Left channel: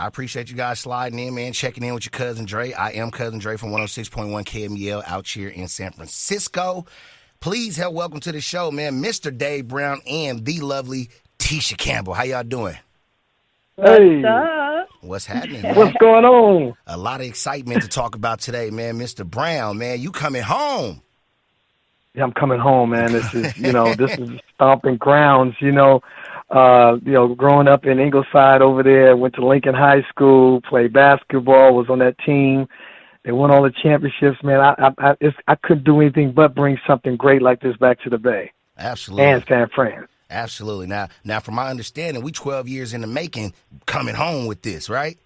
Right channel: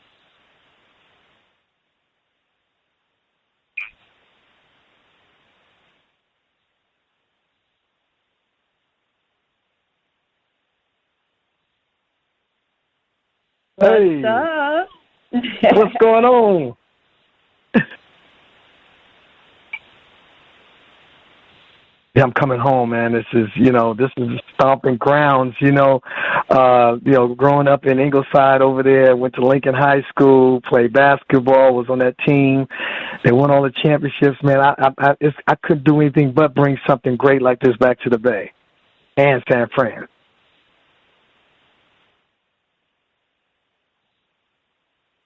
I appreciate you guys sliding in, man, checking in with your cousin Dre. I am Cousin Dre from 106.1 KMEL out here in San Francisco. Please help welcome to the show, man, Mr. Dave Brown and the lovely Tisha Campbell. How y'all doing? Hey. What's happening, man? What's going on? A lot of excitement to talk about today, man. Mr. Brown, man, you coming home. Yeah, I'm coming home, man. This is, this is stomping grounds, growing up in Ingleside over there, went to Lincoln High School, played basketball, was on that team. They won all the championships, man. I couldn't do anything but bring something great like this back to the Bay. Absolutely. And San Fran. Absolutely. Now, from my understanding, we 12 years in the making coming home with this, right?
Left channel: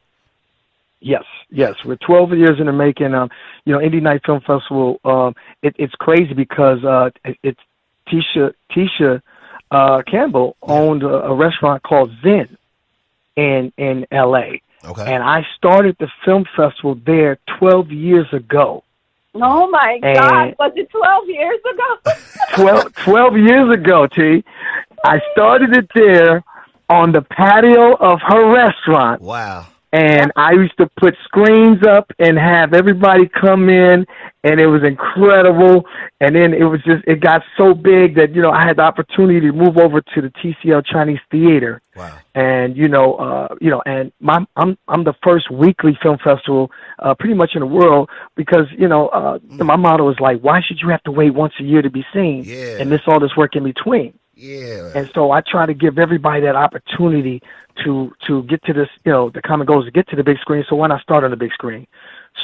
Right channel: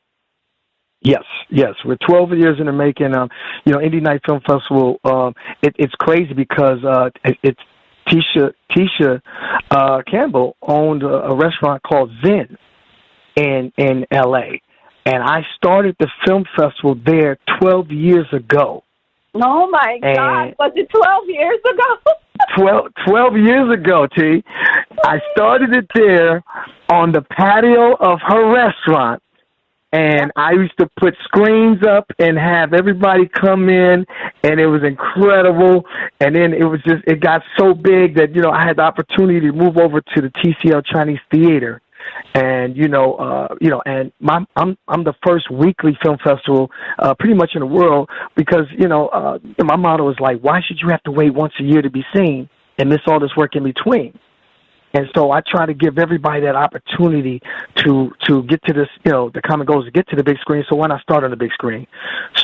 Yes. We're 12 years in the making. Indie Night Film Festival, it's crazy because it's Tisha Campbell owned a restaurant called Zen in L.A. Okay. And I started the film festival there 12 years ago. Oh, my God. Was it 12 years ago? 12 years ago, T. I started it there on the patio of her restaurant. Wow. And I used to put screens up and have everybody come in, and it was incredible. And then it got so big that, I had the opportunity to move over to the TCL Chinese Theater. Wow. And, and I'm the first weekly film festival pretty much in the world because, my motto is like, why should you have to wait once a year to be seen and miss all this work in between? Yeah. And so I try to give everybody that opportunity to get to this, the common goal is to get to the big screen. So why not start on the big screen?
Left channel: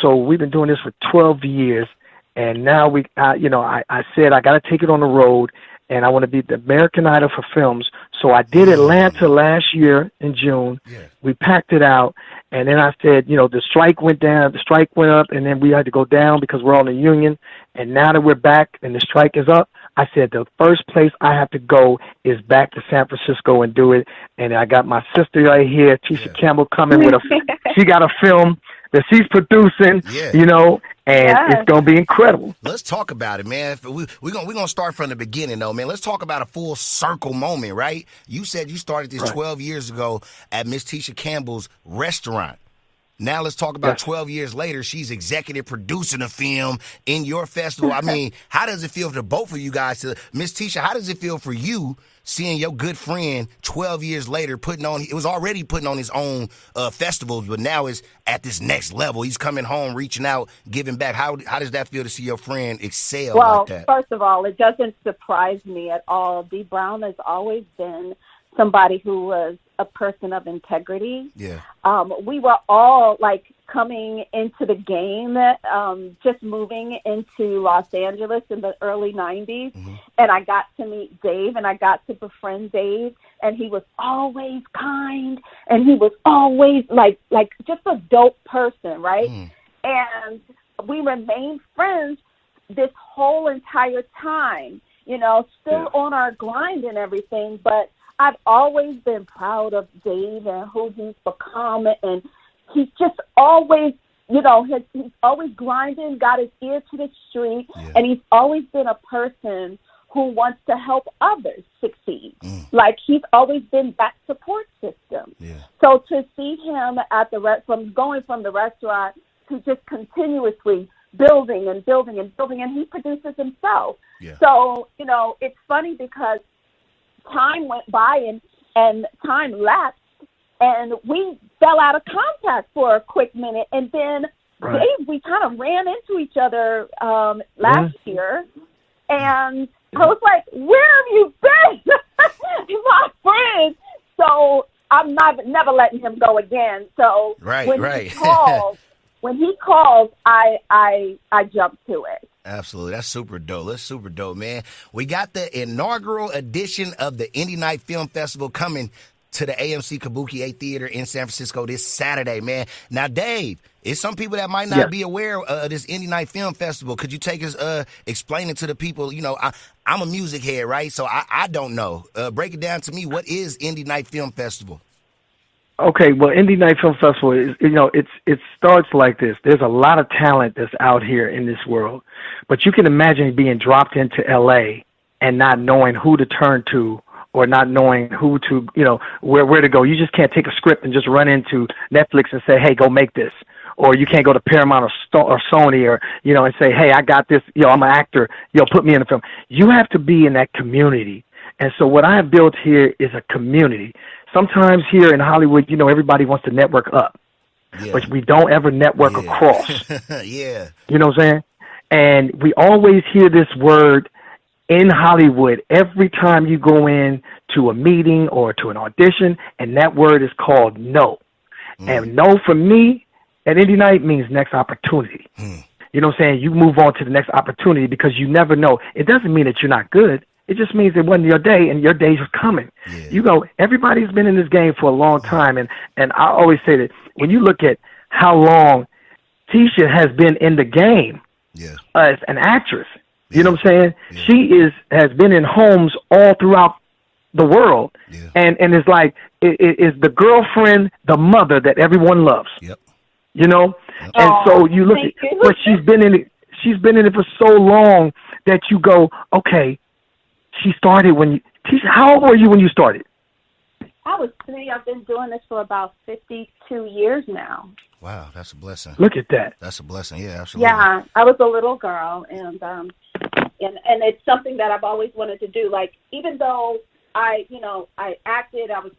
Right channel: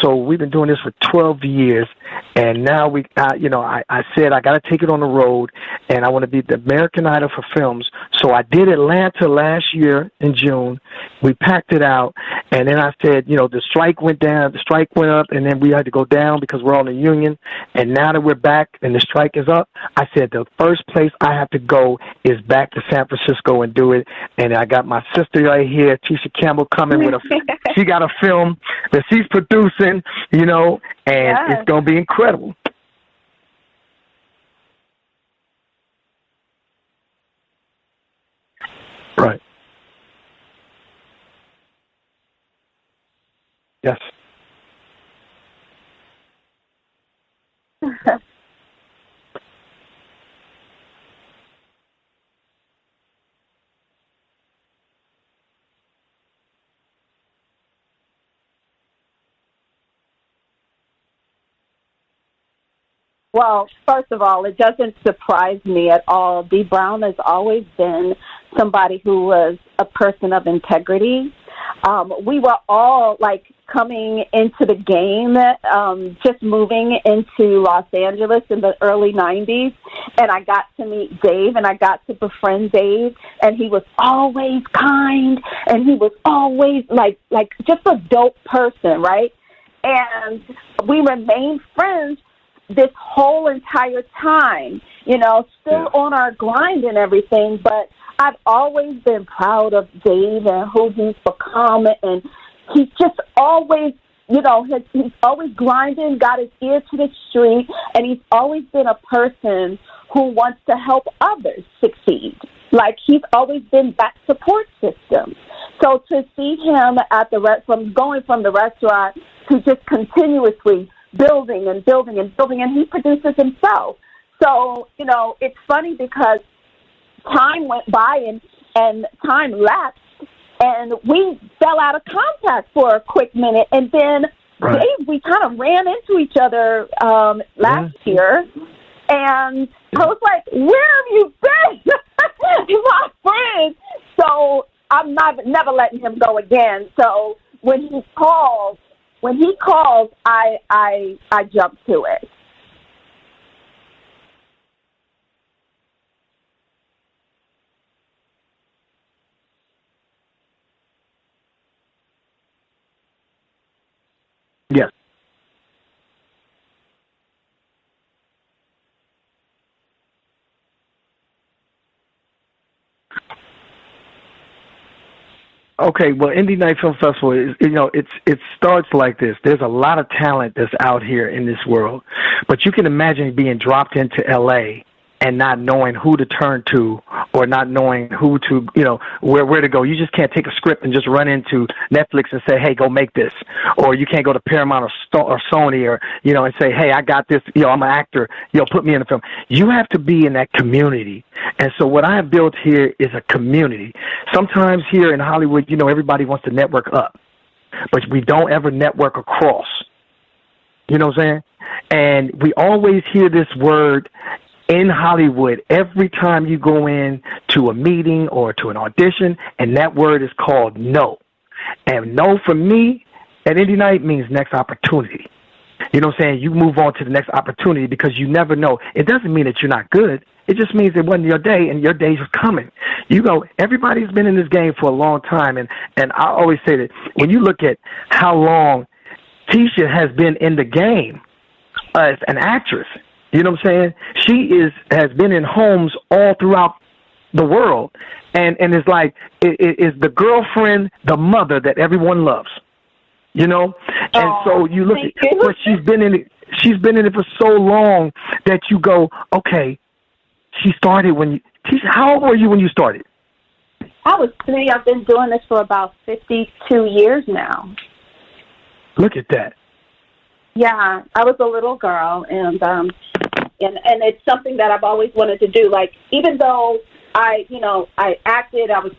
So we've been doing this for 12 years. And now I said I got to take it on the road, and I want to be the American Idol for films. So I did Atlanta last year in June. We packed it out, and then I said, the strike went down, the strike went up, and then we had to go down because we're on the union. And now that we're back and the strike is up, I said the first place I have to go is back to San Francisco and do it. And I got my sister right here, Tisha Campbell, coming with she got a film that she's producing, and it's going to be incredible. Let's talk about it, man. We're gonna start from the beginning, though, man. Let's talk about a full circle moment, right? You said you started this 12 years ago at Miss Tisha Campbell's restaurant. Now let's talk about 12 years later. She's executive producing a film in your festival. I mean, how does it feel for both of you guys? Miss Tisha, how does it feel for you seeing your good friend 12 years later it was already putting on his own festivals, but now is at this next level. He's coming home, reaching out, giving back. How does that feel to see your friend excel like that? Well, first of all, it doesn't surprise me at all. D. Brown has always been somebody who was a person of integrity. Yeah. We were all coming into the game, just moving into Los Angeles in the early 90s. And I got to meet Dave, and I got to befriend Dave, and he was always kind, and he was always like just a dope person, right? And we remained friends this whole entire time, still on our grind and everything, but I've always been proud of Dave and who he's become, and he's just always, he's always grinding, got his ear to the street, and he's always been a person who wants to help others succeed. He's always been that support system. So to see him at going from the restaurant to just continuously building and building and building, and he produces himself. So, it's funny because time went by and time lapsed, and we fell out of contact for a quick minute, and then we kind of ran into each other last year, and I was like, where have you been? You're my friend. So I'm never letting him go again. So when he calls, I jump to it. Absolutely. That's super dope. That's super dope, man. We got the inaugural edition of the Indie Night Film Festival coming to the AMC Kabuki 8 Theater in San Francisco this Saturday, man. Now, Dave, it's some people that might not be aware of this Indie Night Film Festival. Could you take us, explain it to the people? I'm a music head, right? So I don't know. Break it down to me. What is Indie Night Film Festival? Okay, well, Indie Night Film Festival is, it starts like this. There's a lot of talent that's out here in this world, but you can imagine being dropped into LA and not knowing who to turn to or not knowing who to, where to go. You just can't take a script and just run into Netflix and say, hey, go make this. Or you can't go to Paramount or Sony or, and say, hey, I got this, I'm an actor, put me in the film. You have to be in that community. And so what I have built here is a community. Sometimes here in Hollywood, everybody wants to network up, but we don't ever network across. Yeah. You know what I'm saying? And we always hear this word in Hollywood every time you go in to a meeting or to an audition, and that word is called no. And no for me at Indie Night means next opportunity. You know what I'm saying? You move on to the next opportunity because you never know. It doesn't mean that you're not good. It just means it wasn't your day, and your days are coming. Everybody's been in this game for a long time, and I always say that when you look at how long Tisha has been in the game as an actress, you know what I'm saying? She has been in homes all throughout the world, and it's like it is the girlfriend, the mother that everyone loves. And so you look at what she's been in. She's been in it for so long that you go, okay. She started Tisha, how old were you when you started? I was 3. I've been doing this for about 52 years now. Wow, that's a blessing. Look at that. That's a blessing. Yeah, absolutely. Yeah, I was a little girl, and it's something that I've always wanted to do. Like, even though I acted, I'm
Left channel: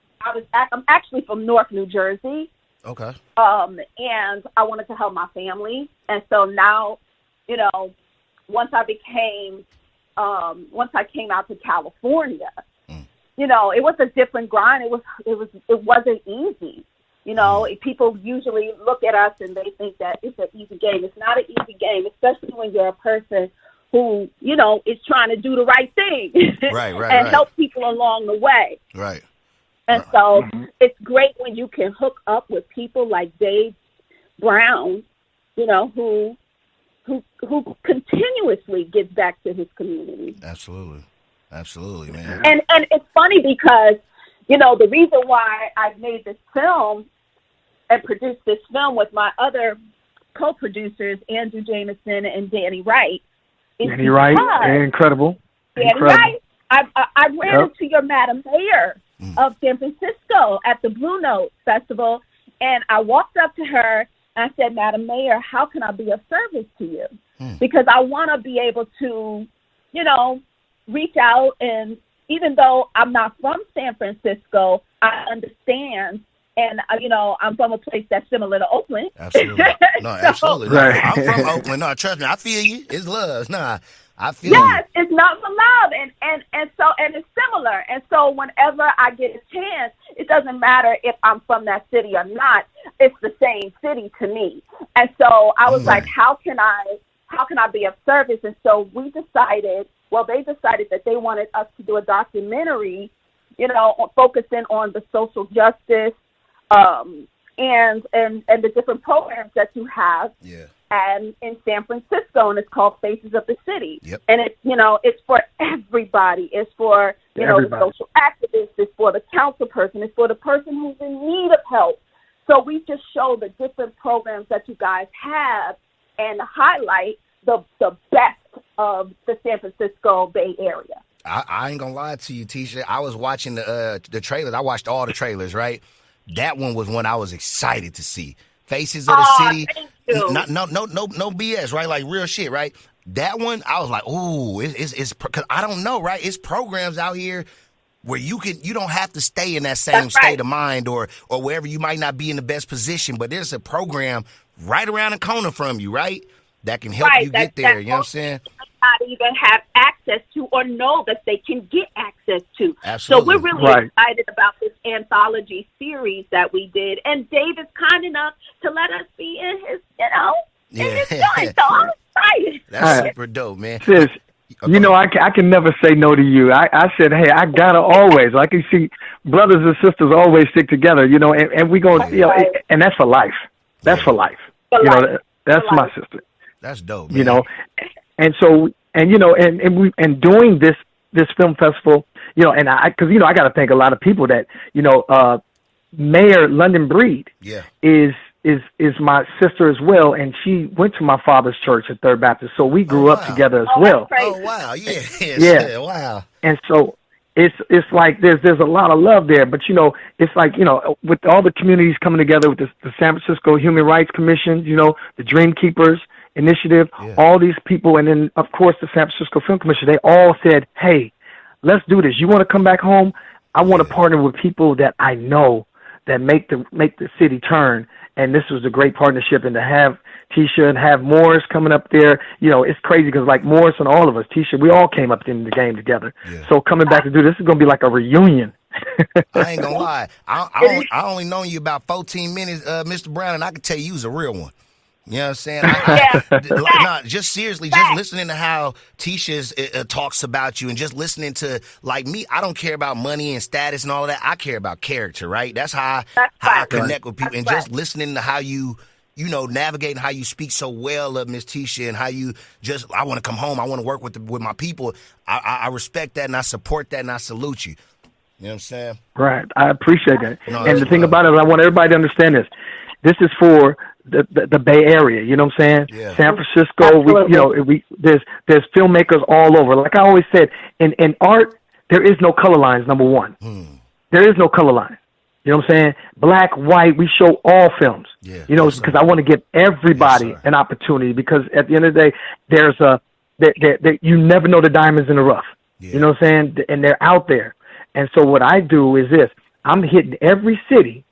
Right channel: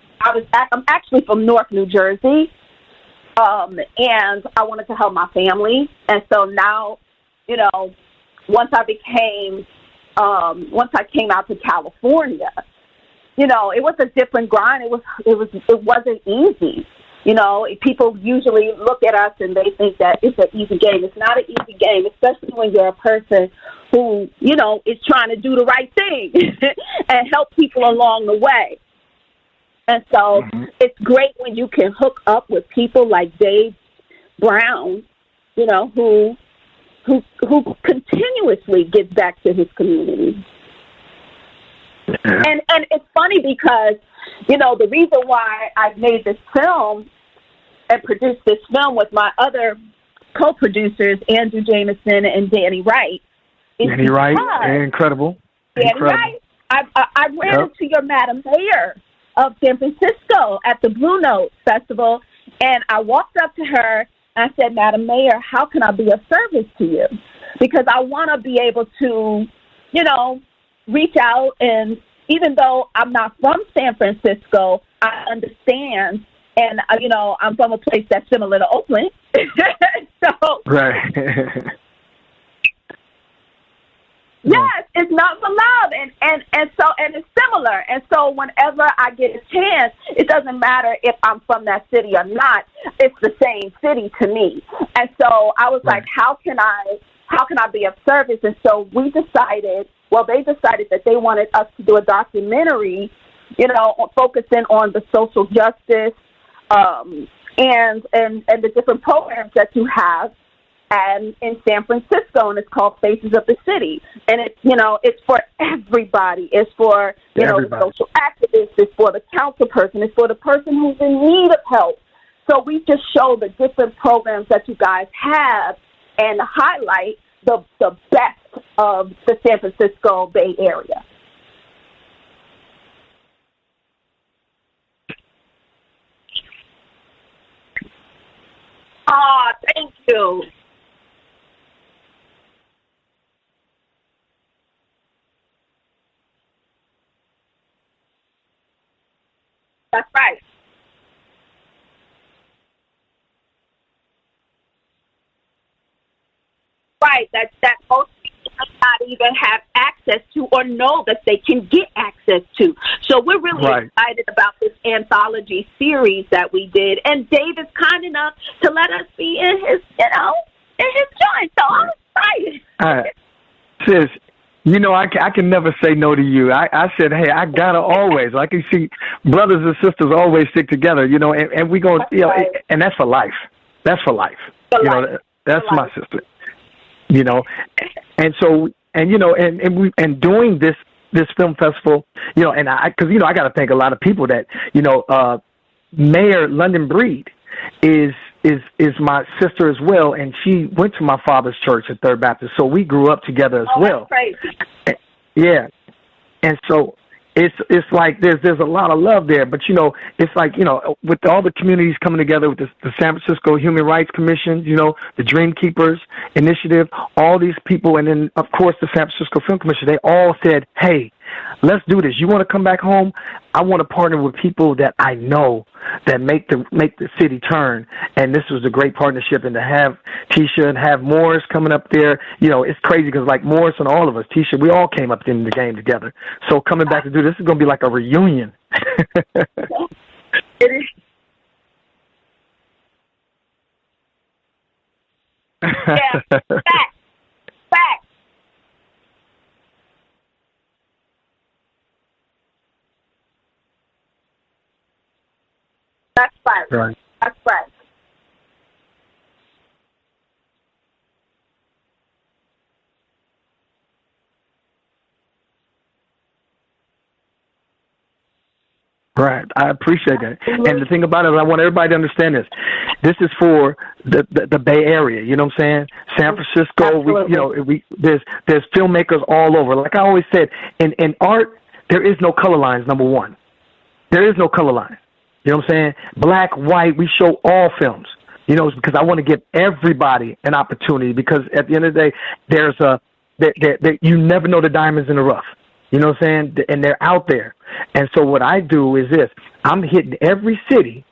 actually from Newark, New Jersey. Okay. And I wanted to help my family, and so now, once I came out to California, it was a different grind. It wasn't easy. People usually look at us and they think that it's an easy game. It's not an easy game, especially when you're a person who, is trying to do the right thing and help people along the way. Right. And so it's great when you can hook up with people like Dave Brown, who continuously gives back to his community. Absolutely, man. And it's funny because, the reason why I made this film and produced this film with my other co-producers, Andrew Jameson and Danny Wright. Danny Wright, incredible. Danny Wright. I ran into your Madam Mayor of San Francisco at the Blue Note Festival, and I walked up to her. I said, Madam Mayor, how can I be of service to you? Because I want to be able to, reach out. And even though I'm not from San Francisco, I understand. And, I'm from a place that's similar to Oakland. Absolutely. No, absolutely. No, I'm from Oakland. No, trust me, I feel you. It's love. Nah, I feel you. Yes, it's love for love. And it's similar. And so whenever I get a chance, it doesn't matter if I'm from that city or not. It's the same city to me. And so I was like, how can I be of service? And so they decided that they wanted us to do a documentary, focusing on the social justice and the different programs that you have. And in San Francisco, and it's called Faces of the City. And it's for everybody. It's for, the social activists. It's for the council person. It's for the person who's in need of help. So we just show the different programs that you guys have and highlight the best of the San Francisco Bay Area. I ain't gonna lie to you, Tisha. I was watching the trailers. I watched all the trailers, right? That one was one I was excited to see. Faces of the City. Thank you. No BS, right? Like real shit, right? That one, I was like, ooh, it's because I don't know, right? It's programs out here where you don't have to stay in that same state of mind or wherever you might not be in the best position, but there's a program right around the corner from you, right? That can help you get there. You know what I'm saying? Not even have access to or know that they can get access to. Absolutely. So we're really excited about this anthology series that we did, and Dave is kind enough to let us be in his, in his joint. So I'm excited. That's super dope, man. Sis, I can never say no to you. I said, hey, I gotta always. I can see brothers and sisters always stick together, and we going, and that's for life. That's for life. That's my sister. That's dope. And so, and doing this film festival, and because I got to thank a lot of people that, Mayor London Breed is is my sister as well, and she went to my father's church at Third Baptist, so we grew up together as well. Oh wow, Yeah. Wow. And so it's like there's a lot of love there, but it's like with all the communities coming together with the San Francisco Human Rights Commission, the Dream Keepers Initiative, all these people, and then of course the San Francisco Film Commission, they all said, hey, let's do this. You want to come back home? I want to partner with people that I know that make the city turn. And this was a great partnership, and to have Tisha and have Morris coming up there, it's crazy because like Morris and all of us, Tisha, we all came up in the game together. Yeah. So coming back to do this is going to be like a reunion. I ain't gonna lie. I only known you about 14 minutes, Mr. Brown, and I can tell you was a real one. You know what I'm saying? Just seriously, just listening to how Tisha talks about you, and just listening to, like me, I don't care about money and status and all of that. I care about character, right? That's how I connect with people. And just listening to how you navigating how you speak so well of Miss Tisha, and how you I want to come home, I want to work with my people. I respect that, and I support that, and I salute you. You know what I'm saying? Right. I appreciate that. And the thing about it, I want everybody to understand this. This is for the Bay Area. You know what I'm saying? Yeah. San Francisco. There's filmmakers all over. Like I always said, in art, there is no color lines. Number one, there is no color line. You know what I'm saying? Black, white, we show all films. Yeah, because I want to give everybody an opportunity. Because at the end of the day, you never know the diamonds in the rough. Yeah. You know what I'm saying? And they're out there. And so what I do is this: I'm hitting every city,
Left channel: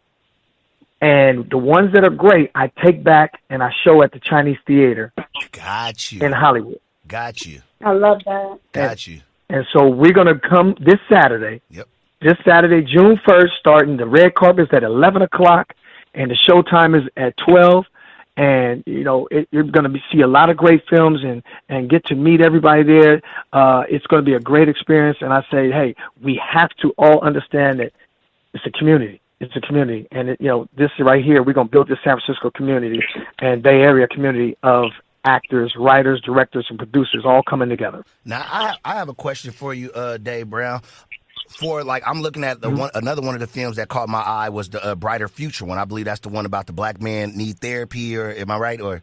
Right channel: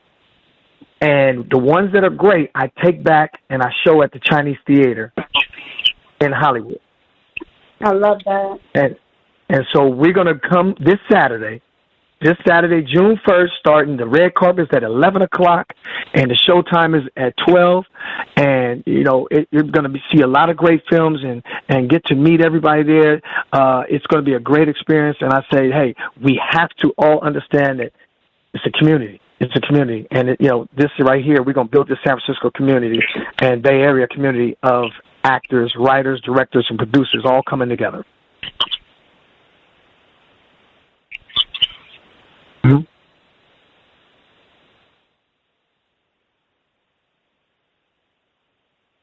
and the ones that are great, I take back and I show at the Chinese Theater. Got you. In Hollywood. Got you. I love that. Got you. And so we're going to come this Saturday. Yep. This Saturday, June 1st, starting the red carpet is at 11 o'clock, and the show time is at 12. And, you're going to see a lot of great films and get to meet everybody there. It's going to be a great experience. And I say, hey, we have to all understand that it's a community. It's a community. And, this right here, we're going to build this San Francisco community and Bay Area community of actors, writers, directors, and producers all coming together. Now, I have a question for you, Dave Brown. I'm looking at another one of the films that caught my eye was the Brighter Future one. I believe that's the one about the black man need therapy, or am I right? Or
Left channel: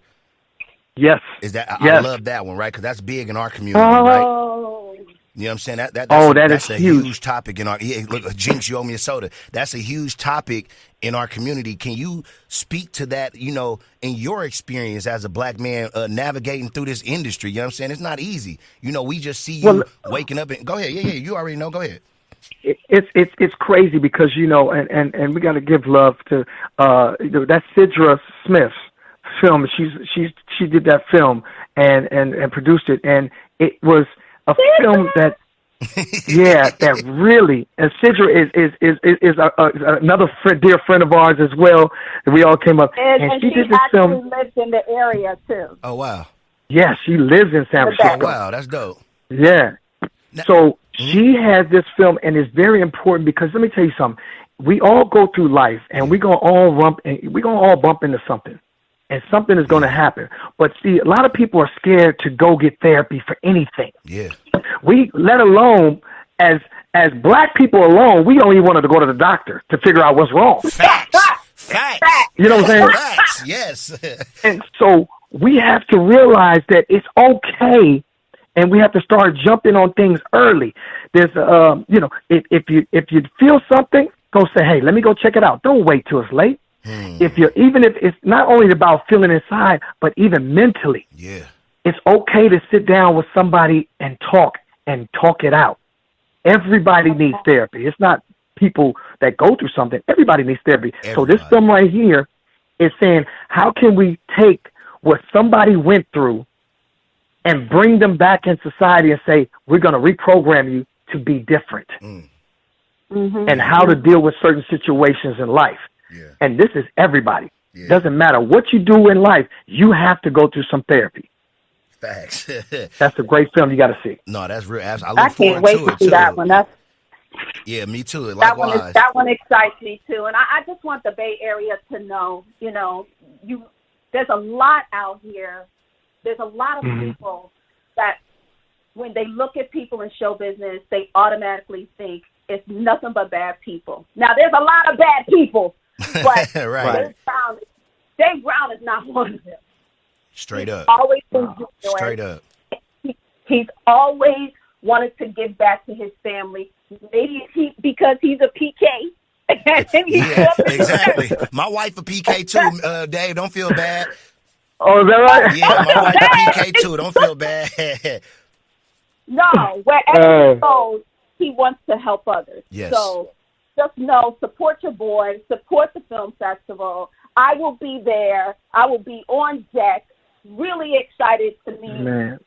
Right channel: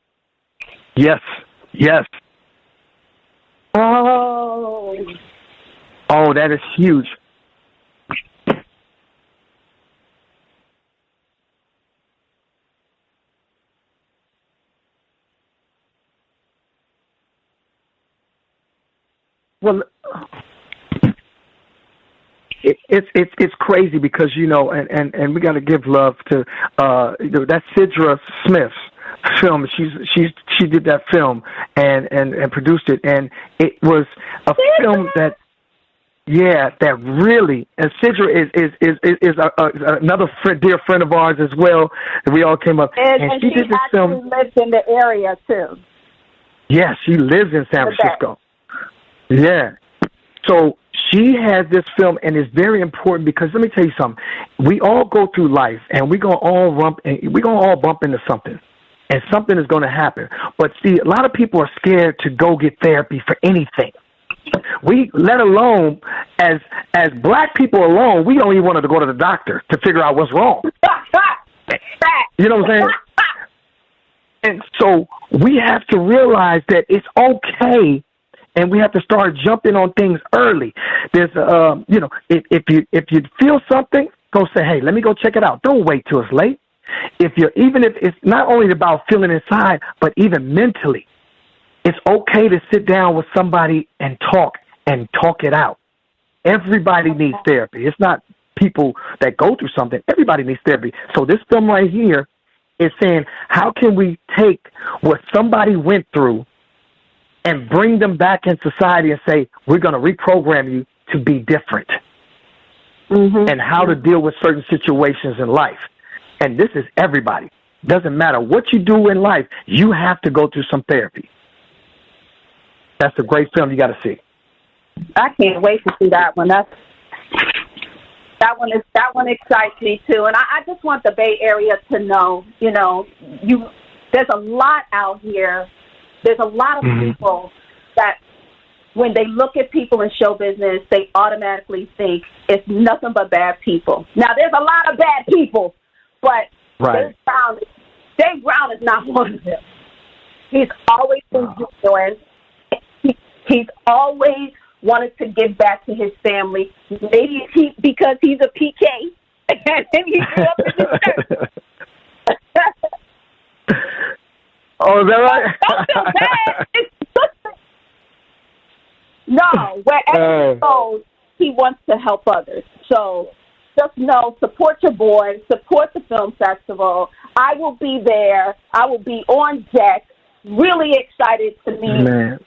yes, is that yes. I love that one, right? Because that's big in our community, right? You know what I'm saying? That's a huge topic in our. Yeah, look, Jinx, you owe me a soda. That's a huge topic in our community. Can you speak to that? In your experience as a black man navigating through this industry, you know what I'm saying? It's not easy. We just see you waking up and go ahead. Yeah, you already know. Go ahead. It's crazy because and we got to give love to that Sidra Smith film. She did that film and produced it, and it was a film that that really, and Sidra is another dear friend of ours as well. And we all came up, and she did this film. Lives in the area too. Oh wow! Yeah, she lives in San Francisco. Oh wow, that's dope. Yeah. So she has this film, and it's very important because let me tell you something. We all go through life, and we're gonna all bump into something, and something is gonna happen. But see, a lot of people are scared to go get therapy for anything. Yeah. We, let alone as black people alone, we don't even want to go to the doctor to figure out what's wrong. Facts. You know what I'm saying? Facts. Yes. And so we have to realize that it's okay. And we have to start jumping on things early. There's, if you feel something, go say, hey, let me go check it out. Don't wait till it's late. If it's not only about feeling inside, but even mentally. Yeah. It's okay to sit down with somebody and talk it out. Everybody needs therapy. It's not people that go through something. Everybody needs therapy. Everybody. So this film right here is saying, how can we take what somebody went through and bring them back in society and say, we're going to reprogram you to be different and how to deal with certain situations in life. Yeah. And this is everybody. Yeah. Doesn't matter what you do in life, you have to go through some therapy. Facts. That's a great film you got to see. No, that's real. I can't wait to see that one. Yeah, me too. Likewise. That one excites me too. And I just want the Bay Area to know, there's a lot out here. There's a lot of people that when they look at people in show business, they automatically think it's nothing but bad people. Now, there's a lot of bad people, but they Dave Brown is not one of them. Straight He's up. always been genuine. Straight up. He's always wanted to give back to his family. Maybe because he's a PK. Yeah, exactly. My wife a PK too, Dave. Don't feel bad. Oh, is that right? Yeah, my wife a PK too. Don't feel bad. No, wherever he goes, he wants to help others. Yes. So just know, support your boy, support the film festival. I will be there. I will be on deck. Really excited to meet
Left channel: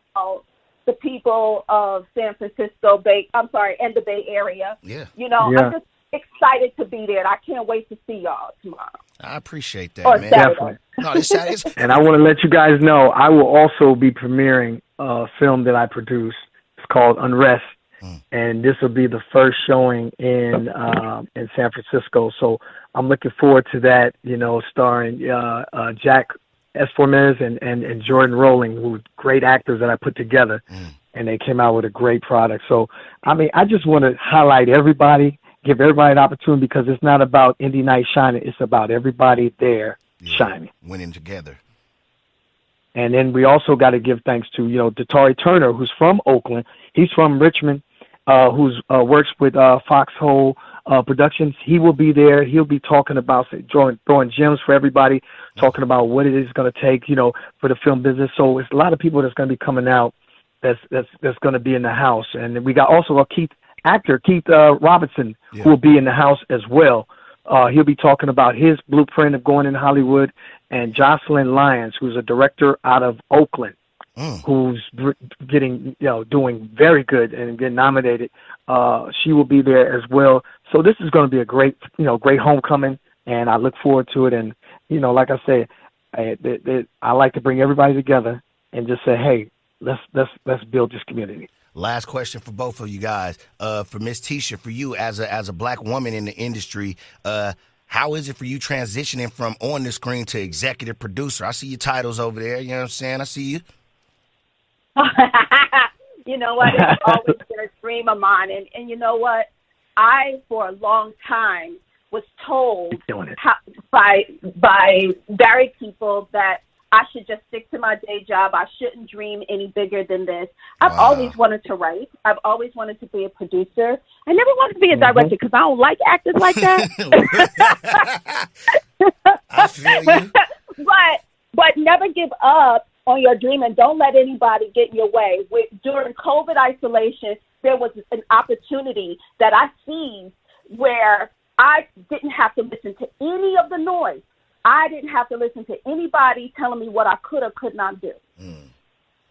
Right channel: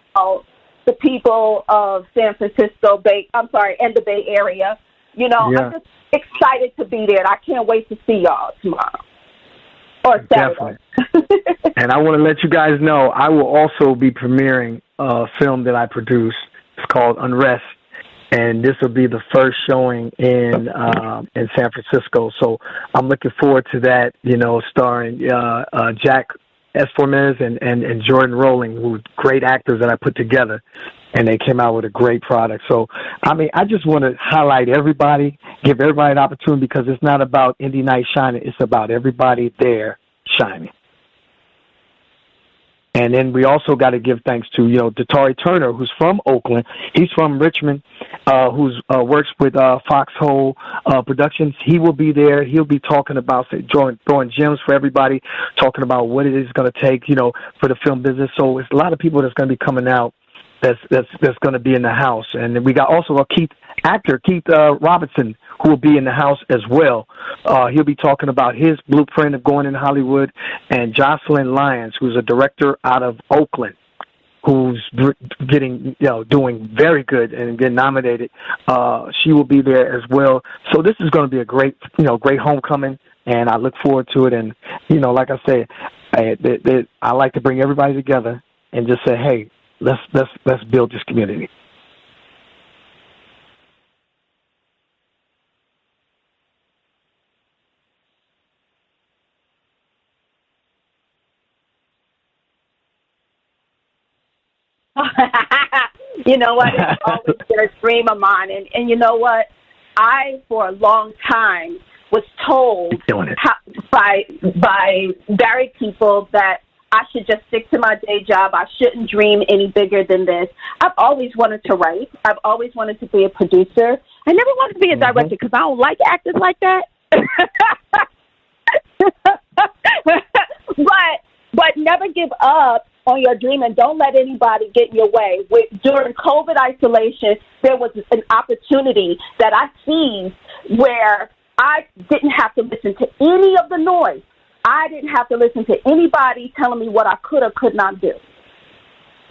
the people of San Francisco Bay. I'm sorry, and the Bay Area. Yeah. I'm just excited to be there. And I can't wait to see y'all tomorrow. I appreciate Or that, man. Definitely. No, this Saturday. And I want to let you guys know, I will also be premiering a film that I produced. It's called Unrest, and this will be the first showing in San Francisco. So I'm looking forward to that. Starring Jack Esformez and Jordan Rowling, who are great actors that I put together, and they came out with a great product. So I just want to highlight everybody, give everybody an opportunity, because it's not about Indie Night shining; it's about everybody there shining, winning together. And then we also got to give thanks to, Datari Turner, who's from Oakland. He's from Richmond, who's works with Foxhole Productions. He will be there. He'll be talking about throwing gems for everybody, talking about what it is going to take, for the film business. So it's a lot of people that's going to be coming out that's going to be in the house. And then we got also a Keith Robinson, who will be in the house as well. He'll be talking about his blueprint of going in Hollywood, and Jocelyn Lyons, who's a director out of Oakland, who's doing very good and getting nominated. She will be there as well. So this is going to be a great homecoming, and I look forward to it. And like I say, I like to bring everybody together and just say, hey, let's build this community. Last question for both of you guys. For Miss Tisha, for you as a black woman in the industry, how is it for you transitioning from on the screen to executive producer? I see your titles over there. You know what I'm saying? I see you. You know what? It's always been a dream of mine. And you know what? I, for a long time, was told by married people that I should just stick to my day job. I shouldn't dream any bigger than this. I've always wanted to write. I've always wanted to be a producer. I never wanted to be a director because I don't like actors like that. I feel you. But never give up on your dream, and don't let anybody get in your way. During COVID isolation, there was an opportunity that I seized where I didn't have to listen to any of the noise. I didn't have to listen to anybody telling me what I could or could not do.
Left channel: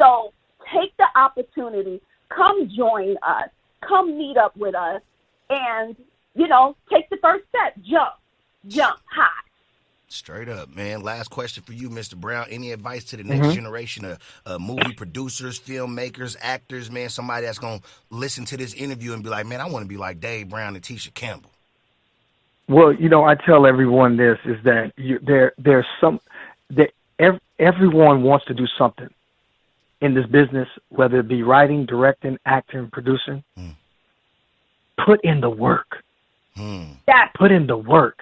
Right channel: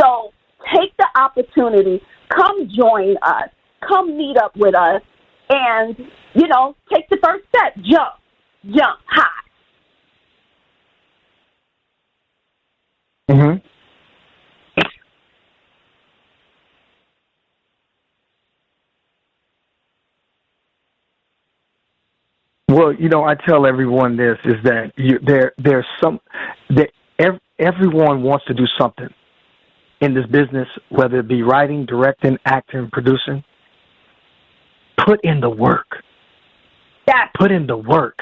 So take the opportunity. Come join us. Come meet up with us. And, take the first step. Jump high. Straight up, man. Last question for you, Mr. Brown. Any advice to the next generation of movie producers, filmmakers, actors, man, somebody that's going to listen to this interview and be like, man, I want to be like Dave Brown and Tisha Campbell? Well, I tell everyone this is that everyone wants to do something in this business, whether it be writing, directing, acting, producing. Put in the work. Put in the work.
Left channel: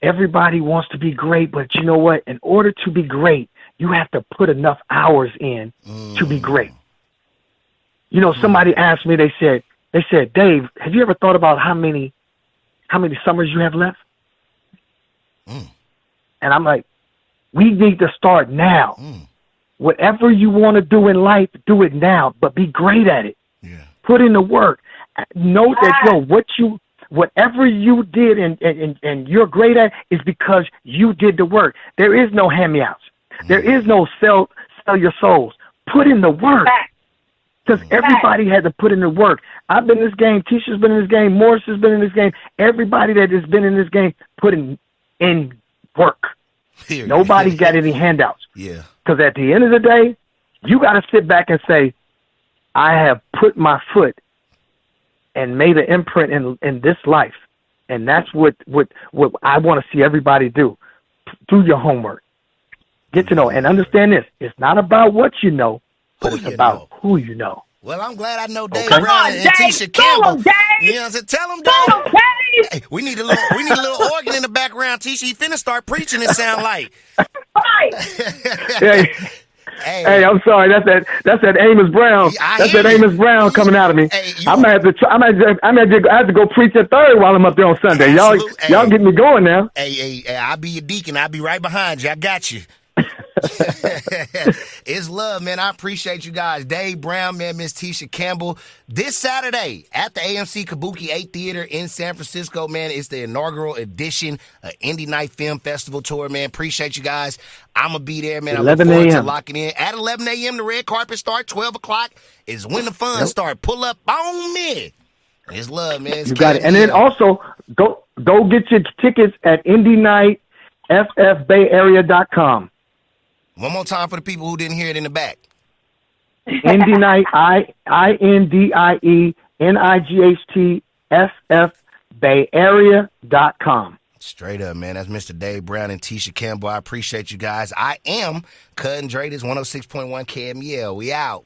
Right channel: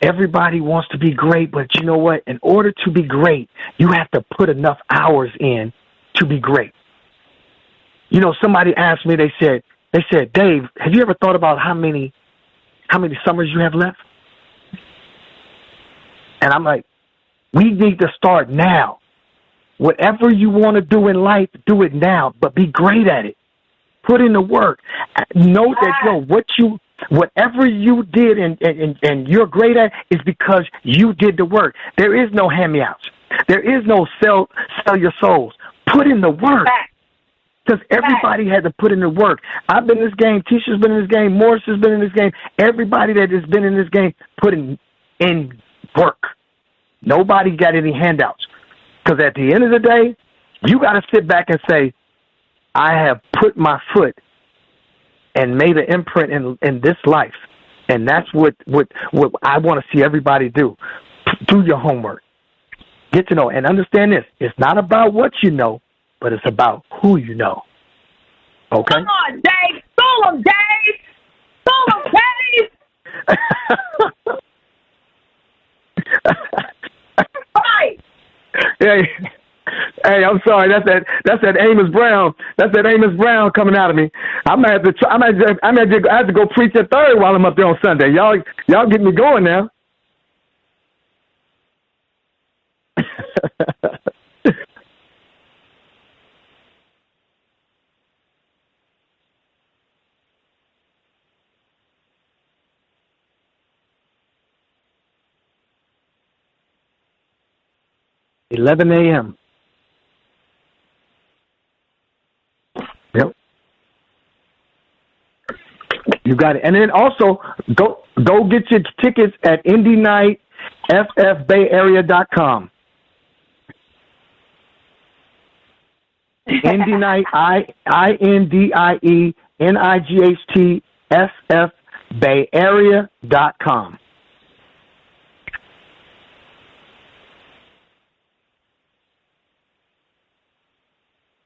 Everybody wants to be great, but you know what? In order to be great, you have to put enough hours in to be great. Somebody asked me, they said, Dave, have you ever thought about how many summers you have left? And I'm like, we need to start now. Whatever you want to do in life, do it now, but be great at it. Put in the work. Know that, whatever you did and you're great at is because you did the work. There is no hand-me-outs. There is no sell your souls. Put in the work. Because everybody had to put in the work. I've been in this game. Tisha's been in this game. Morris has been in this game. Everybody that has been in this game put in work. Nobody got any handouts. Because at the end of the day, you got to sit back and say, I have put my foot and made an imprint in this life. And that's what I want to see everybody do. Do your homework. Get to know. And understand this. It's not about what you know, but it's about who you know. Well, I'm glad I know Dave Brown and Tisha Campbell. You know what I'm saying? Tell them, Dave. Hey, we need a little organ in the background. Tisha, he finna start preaching. It sound like. Hey. Hey, I'm sorry. That's that Amos Brown. That's that Amos Brown coming out of me. Hey, I might have to go preach a third while I'm up there on Sunday. Y'all get me going now. Hey, I'll be your deacon. I'll be right behind you. I got you. It's love, man. I appreciate you guys. Dave Brown, man, Miss Tisha Campbell. This Saturday at the AMC Kabuki 8 Theater in San Francisco, man, it's the inaugural edition of Indie Night Film Festival Tour, man. Appreciate you guys. I'm going to be there, man. I look forward to locking in. At 11 a.m., the red carpet start. 12 o'clock is when the fun start. Pull up on me. It's love, man. It's you got it. And then also, go get your tickets at IndieNightFFBayArea.com. One more time for the people who didn't hear it in the back. Indie Night, INDIENIGHT FFBayArea.com. Straight up, man. That's Mr. Dave Brown and Tisha Campbell. I appreciate you guys. I am Cutting Dre. This 106.1 KMEL. We out.